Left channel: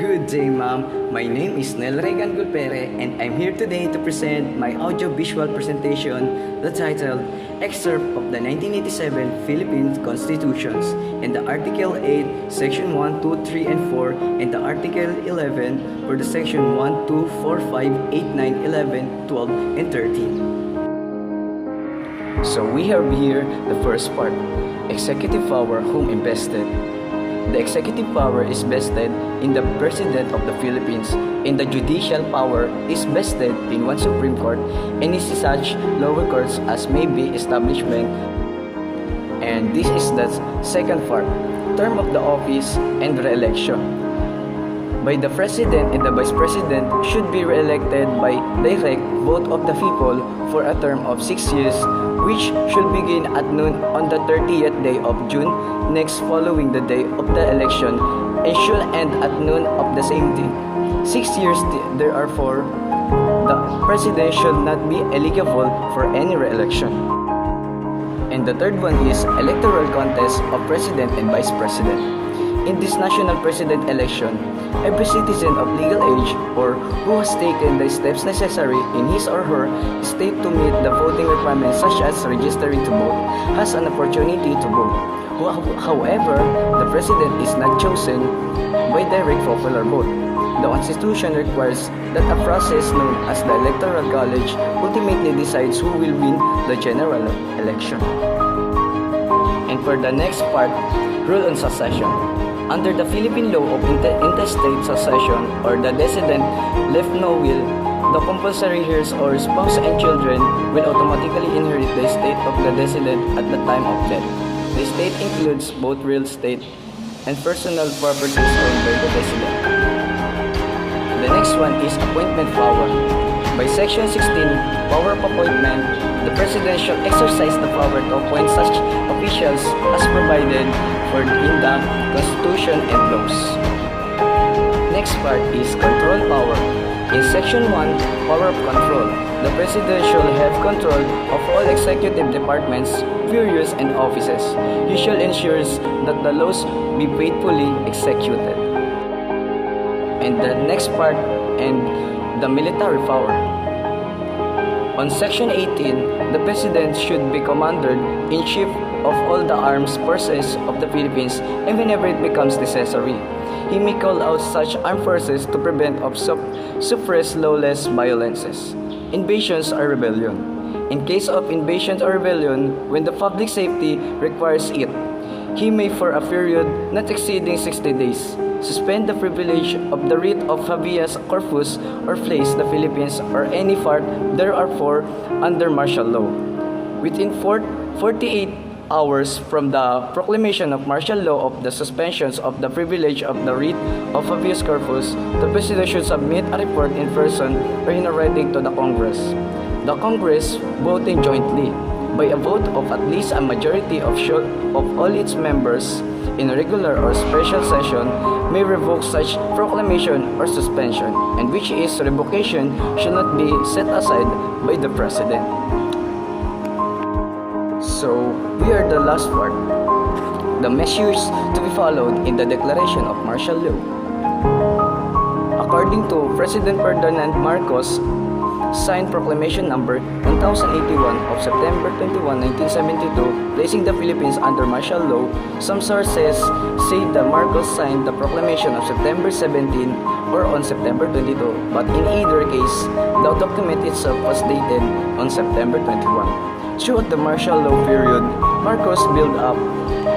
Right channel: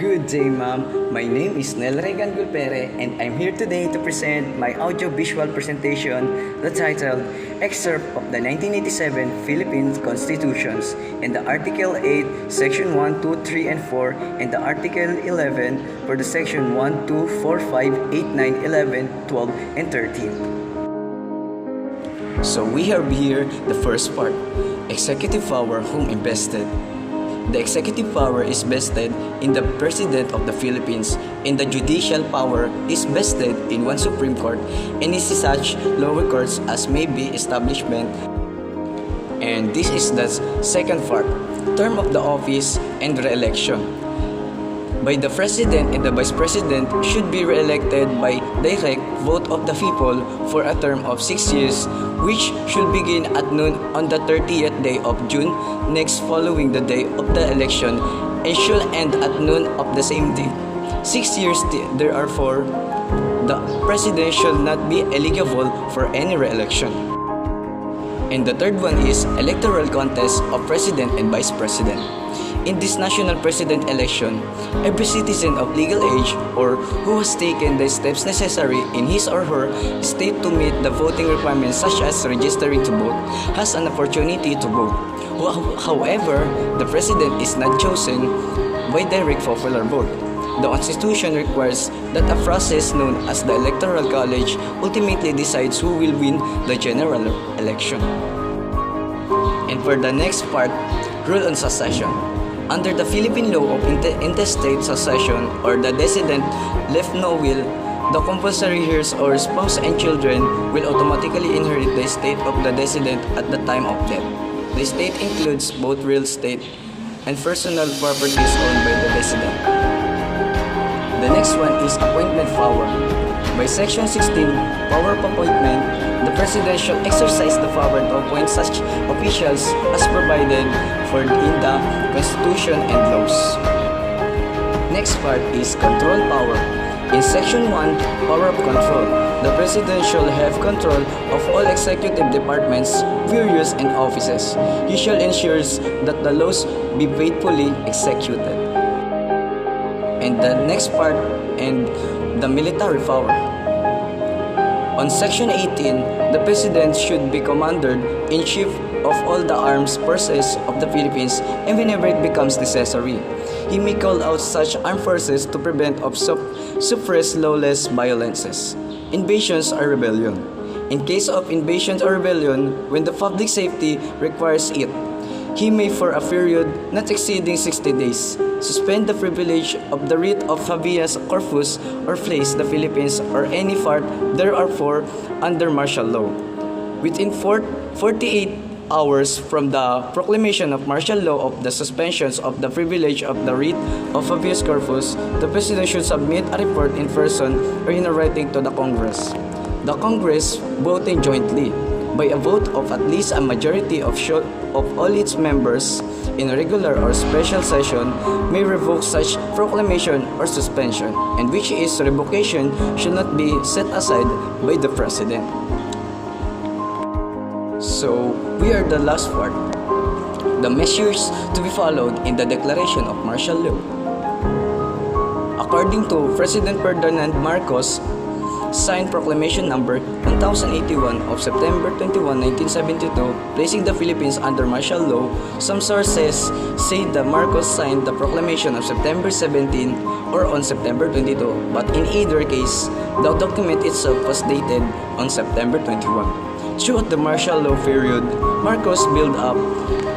Good day, ma'am. My name is Nel Regan Gulpere, and I'm here today to present my audio-visual presentation, the titled Excerpt of the 1987 Philippine Constitutions and the Article 8, Section 1, 2, 3, and 4, and the Article 11 for the Section 1, 2, 4, 5, 8, 9, 11, 12, and 13. So we have here the first part, executive power whom invested. The executive power is vested in the President of the Philippines, and the judicial power is vested in one Supreme Court and is such lower courts as may be establishment. And this is the second part, term of the office and re-election. By the President and the Vice President should be re-elected by direct vote of the people for a term of 6 years, which should begin at noon on the 30th day of June next following the day of the election and should end at noon of the same day. 6 years therefore, the President should not be eligible for any re-election. And the third one is electoral contest of President and Vice President. In this national president election, every citizen of legal age or who has taken the steps necessary in his or her state to meet the voting requirements such as registering to vote has an opportunity to vote. However, the president is not chosen by direct popular vote. The Constitution requires that a process known as the Electoral College ultimately decides who will win the general election. And for the next part, rule on succession. Under the Philippine law of intestate succession or the decedent left no will, the compulsory heirs or spouse and children will automatically inherit the estate of the decedent at the time of death. The estate includes both real estate and personal properties owned by the decedent. The next one is appointment power. By Section 16, power of appointment, the President shall exercise the power to appoint such officials as provided for in the Constitution and laws. Next part is control power. In Section 1, power of control, the President shall have control of all executive departments, bureaus, and offices. He shall ensure that the laws be faithfully executed. And the next part, and the military power. On Section 18, the President should be Commander-in-Chief of all the armed forces of the Philippines, and whenever it becomes necessary, he may call out such armed forces to prevent or suppress lawless violences, invasions, or rebellion. In case of invasion or rebellion, when the public safety requires it, he may for a period not exceeding 60 days suspend the privilege of the writ of habeas corpus or place the Philippines or any part thereof under martial law. Within 48 hours from the proclamation of martial law of the suspensions of the privilege of the writ of habeas corpus, the President should submit a report in person or in writing to the Congress. The Congress, voting jointly, by a vote of at least a majority of all its members in a regular or special session, may revoke such proclamation or suspension, and which is revocation should not be set aside by the President. So, we are the last part, the measures to be followed in the declaration of martial law. According to President Ferdinand Marcos, signed Proclamation Number 1081 of September 21, 1972, placing the Philippines under martial law, some sources say that Marcos signed the proclamation of September 17 or on September 22, but in either case, the document itself was dated on September 21. Throughout the martial law period, Marcos built up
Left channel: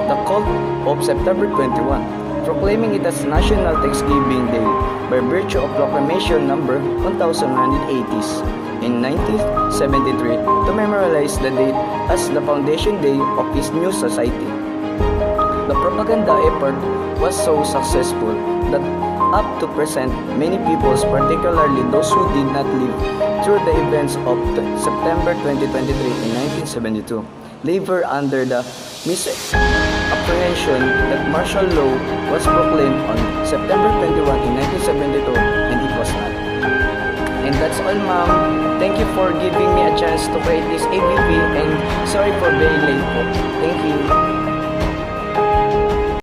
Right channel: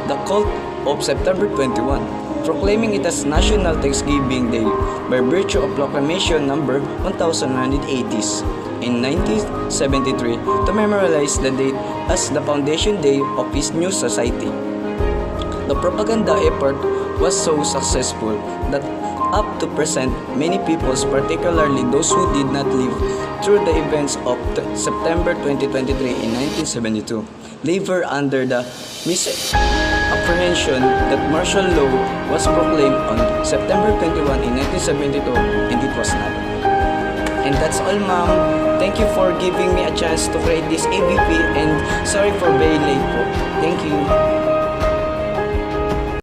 the cult of September 21, proclaiming it as National Thanksgiving Day by virtue of Proclamation Number 1980 in 1973 to memorialize the date as the foundation day of his new society. The propaganda effort was so successful that up to present, many peoples, particularly those who did not live through the events of September 2023 in 1972, labor under the misapprehension that martial law was proclaimed on September 21 in 1972, and it was not. And that's all, ma'am. Thank you for giving me a chance to create this AVP, and sorry for being late po. Thank you.